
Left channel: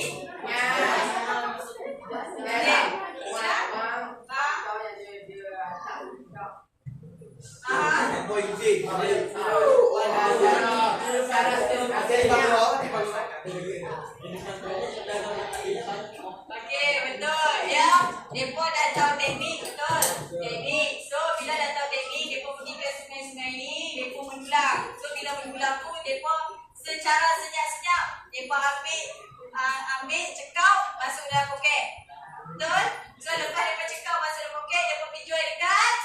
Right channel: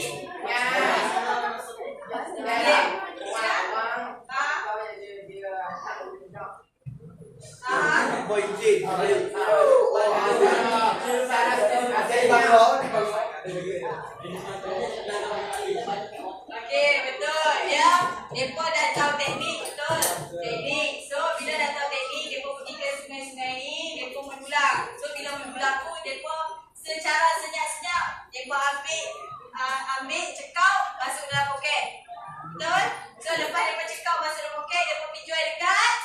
Okey, betul. Ya, depa dah tahu teknik, betul. Teknik. So, bila dah tahu teknik, depa pergi ke sungai-sungai ni, depa mendulang. So, bila mendulang tu, depa secara senyap-senyap, depa ambil cekau masuk dalam poket. Betul? So, lepas depa cekau masuk dalam poket, depa pergi jual dekat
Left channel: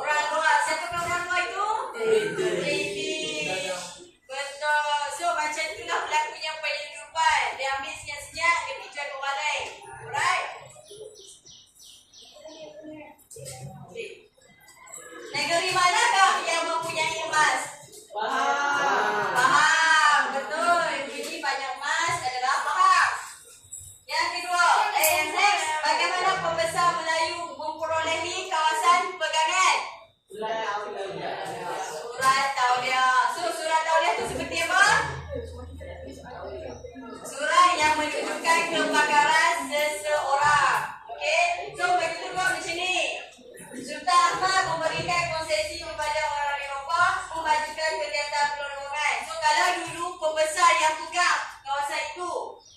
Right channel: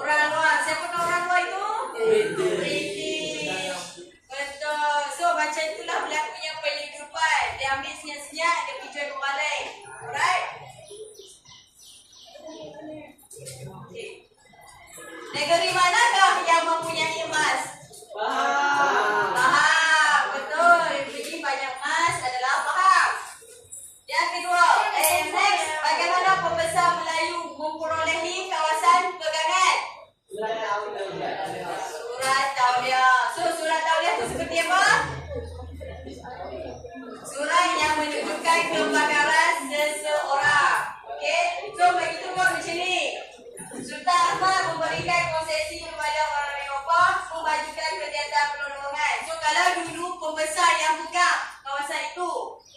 orang luar. Siapa orang luar itu? British. Betul. So, macam itulah berlakunya penghidupan. Dia ambil senyap-senyap, dia pergi jual kembali. Alright? Okay. Negeri manakah yang mempunyai emas? Faham. Betul. Yang banyak emas adalah faham. Yang kedua, next. Bagaimana pembesar Melayu memperolehi kawasan pegangan? Surat tauliah. So, surat tauliah itu seperti apa? Surat yang menunjukkan kebakaran seseorang. Okey? So, begitu kau macam ni. Sultan Ahmad memberikan konsesi kepada orang Eropah memajukan kegiatan perdagangan. So, kalau dulu pembesar yang pegang kawasan itu,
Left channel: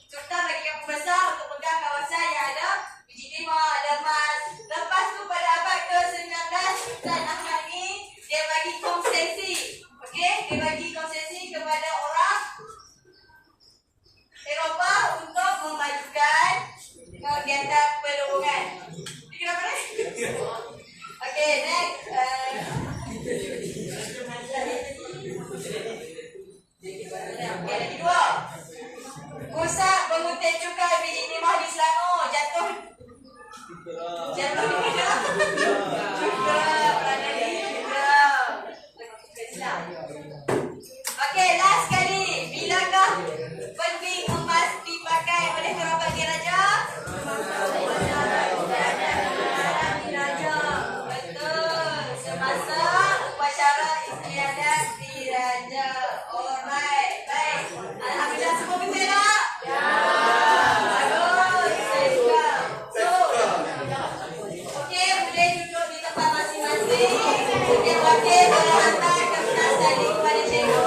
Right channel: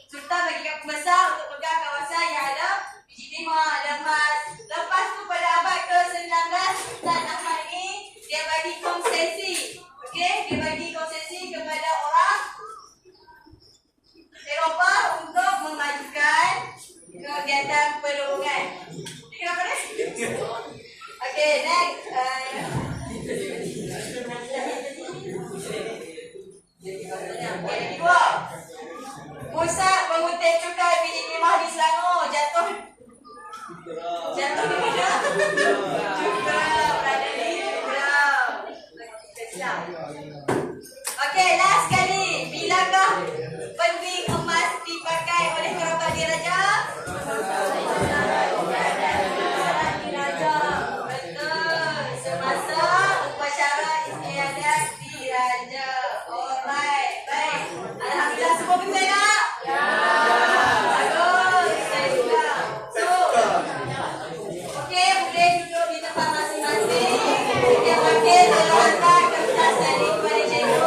Sultan bagikan pembesar untuk pegang kawasan yang ada biji timah, ada emas. Lepas tu pada abad ke-19, Sultan Ahmad ni dia bagi konsesi. Okey, dia bagi konsesi kepada orang Eropah untuk memajukan kegiatan perdagangan. Ini kenapa ni? Okey, next. Yang kedua, pusat pengutip cukai biji timah di Selangor jatuh di mana? Juga berada di Okey, last kali. Bilakah penting emas dipakai oleh kerabat diraja? Betul. Semasa upacara istiadat diraja. Alright, baik. Alhamdulillah semua betul tak? Ya. Bagus. Saya juga. So, okey, boleh duduk di tempat masing-masing. Yang wakil terhadap kepada cikgu.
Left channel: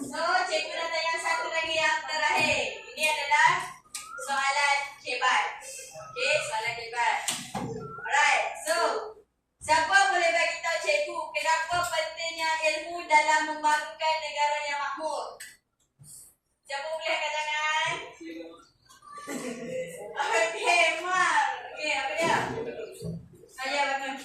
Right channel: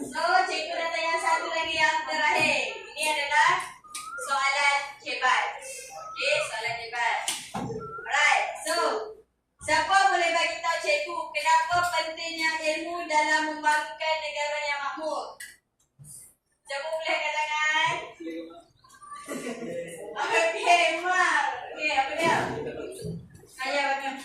So, cikgu datang yang satu lagi yang terakhir. Ini adalah soalan hebat. Okay, soalan hebat. Alright, so siapa boleh bagi tahu cikgu kenapa pentingnya ilmu dalam membangunkan negara yang makmur? Siapa boleh angkat tangan? Okey, Mar. Okey, apa dia? Ayah bangun.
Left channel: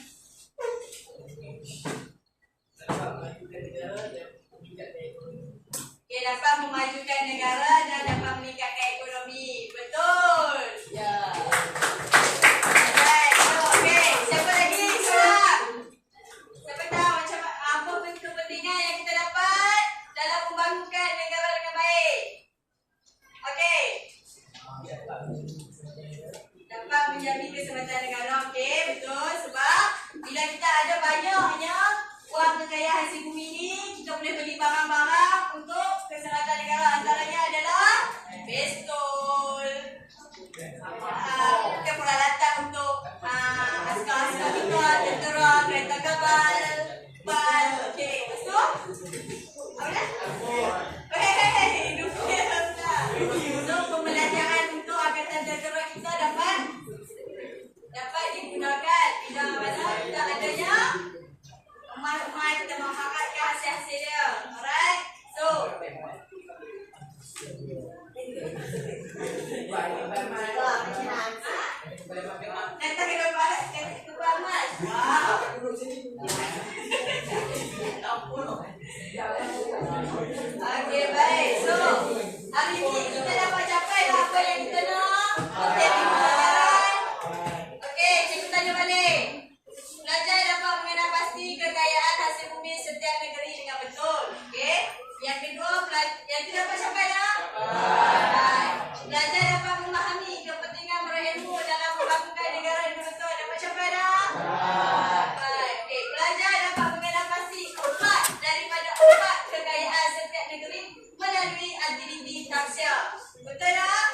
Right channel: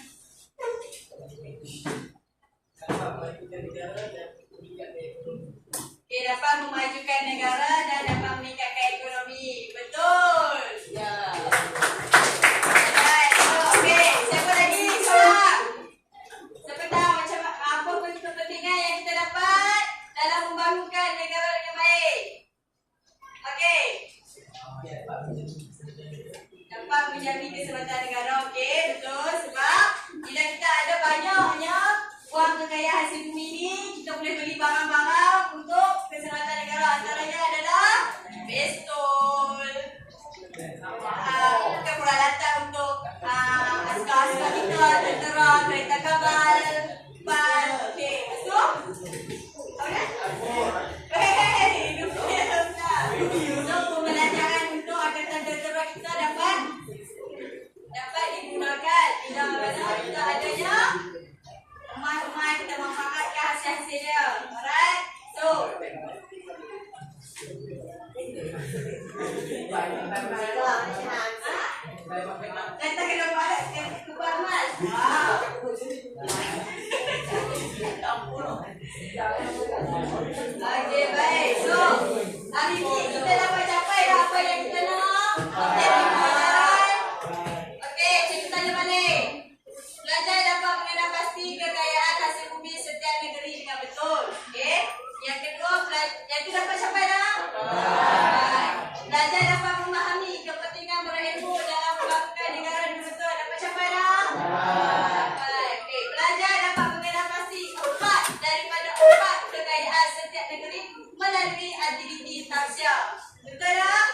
Okey, dapat memajukan negara dan dapat meningkatkan ekonomi. Betul. Ya. Alright, so okey, siapa lagi? Soalan. Siapa tahu macam apa kepentingan yang kita dapat dalam membangunkan negara dengan baik? Okey. Dapat menjamin keselamatan negara. Okey, betul. Sebab bila kita ada banyaknya wang kekayaan hasil bumi ni, kita boleh beli barang-barang untuk keselamatan negara. Antaranya adalah pistol, peralatan untuk askar-askar kita, tentera, kereta kapal, ban. Okey, lepas tu apa dia? Untuk pembelajaran untuk angkatan tentera kita dapat digunakan bila mana kita adanya emas-emas, kita memanfaatkan hasil-hasil dia. Alright, so nanti kena balik ke emas. Wow. Okey, baik. So, hari ini kita dapat capai dah apa yang kita nak. Okey, pelajaran. Okey, cikgu tanya balik. Pelajar dapat mengenal pasti kekayaan hasil bumi setiap negeri dengan betul. Okey. Yang kedua, yang itu dapat capai dah? Baik. Pelajar dapat memahami kepentingan berilmu dalam membangunkan negara dengan betul. Dapat capai dah? Baik. Okey, pelajar dapat mengenal pasti empat daripada empat kekayaan setiap negeri melalui aktiviti tafsir. Betul tak?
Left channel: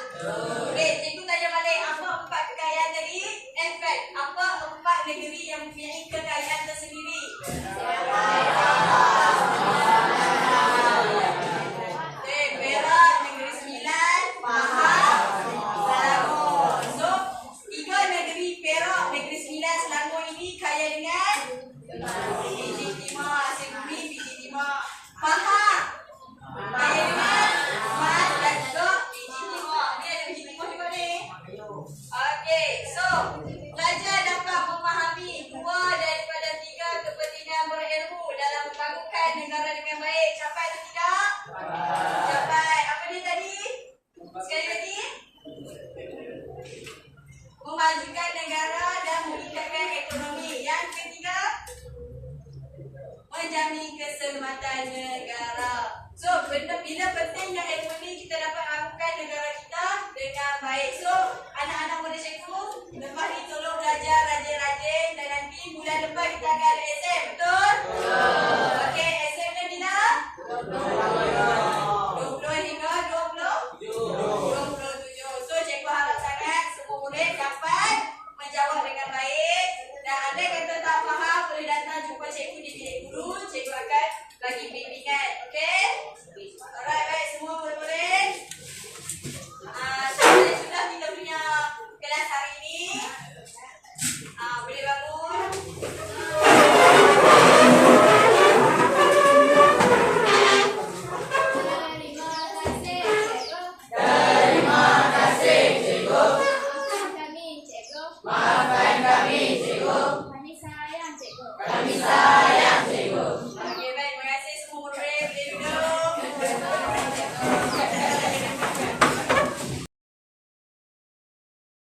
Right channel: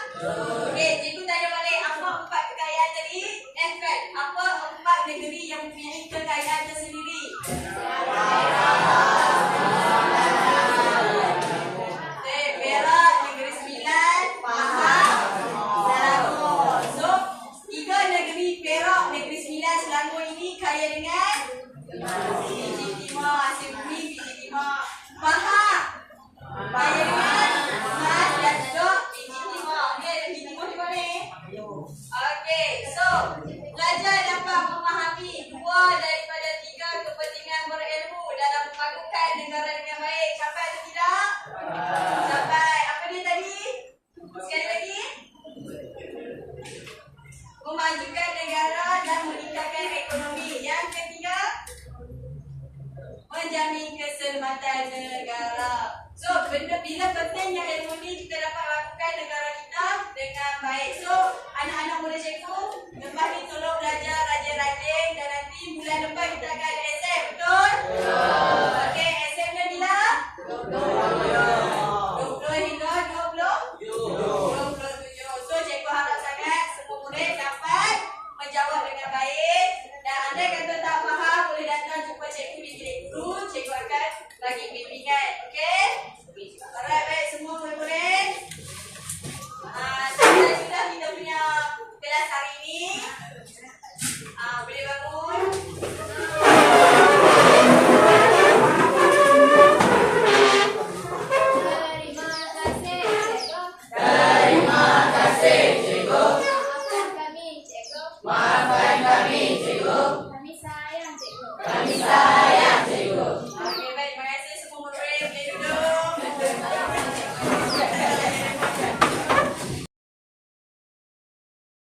Okey, cikgu tanya balik, apa empat kekayaan tadi? In fact, apa empat negeri yang mempunyai kekayaan tersendiri? Perak, Negeri Sembilan, Pahang, Selangor. So, tiga negeri Perak, Negeri Sembilan, Selangor ini kaya dengan biji timah, hasil bumi biji timah. Pahang kaya dengan emas dan juga biji timah. Ni ada biji timah juga ni. Okey, so pelajar dapat memahami dua daripada tiga kepentingan berilmu dalam membangunkan negara dengan baik. Capai atau tidak? Capai. Apa ni tadi? Sekali lagi. Memajukan negara dan meningkatkan ekonomi. Yang ketiga, menjamin keselamatan negara. So, bila pentingnya ilmu ni kita dapat lakukan negara kita dengan baik. So, anak-anak muda cikgu, lepas ni tolong belajar rajin-rajin dan nanti bulan depan kita akan ada exam, betul? Okey, examnya bila? 20 hingga 27. So, cikgu harap sangat semua murid dapat menjawab dengan baik. Dan andai kata tak faham, boleh datang jumpa cikgu di bilik guru. Cikgu akan bagi bimbingan. Okey? Alright, baik semua murid-murid. Sudah kita punya kelas hari ini. Boleh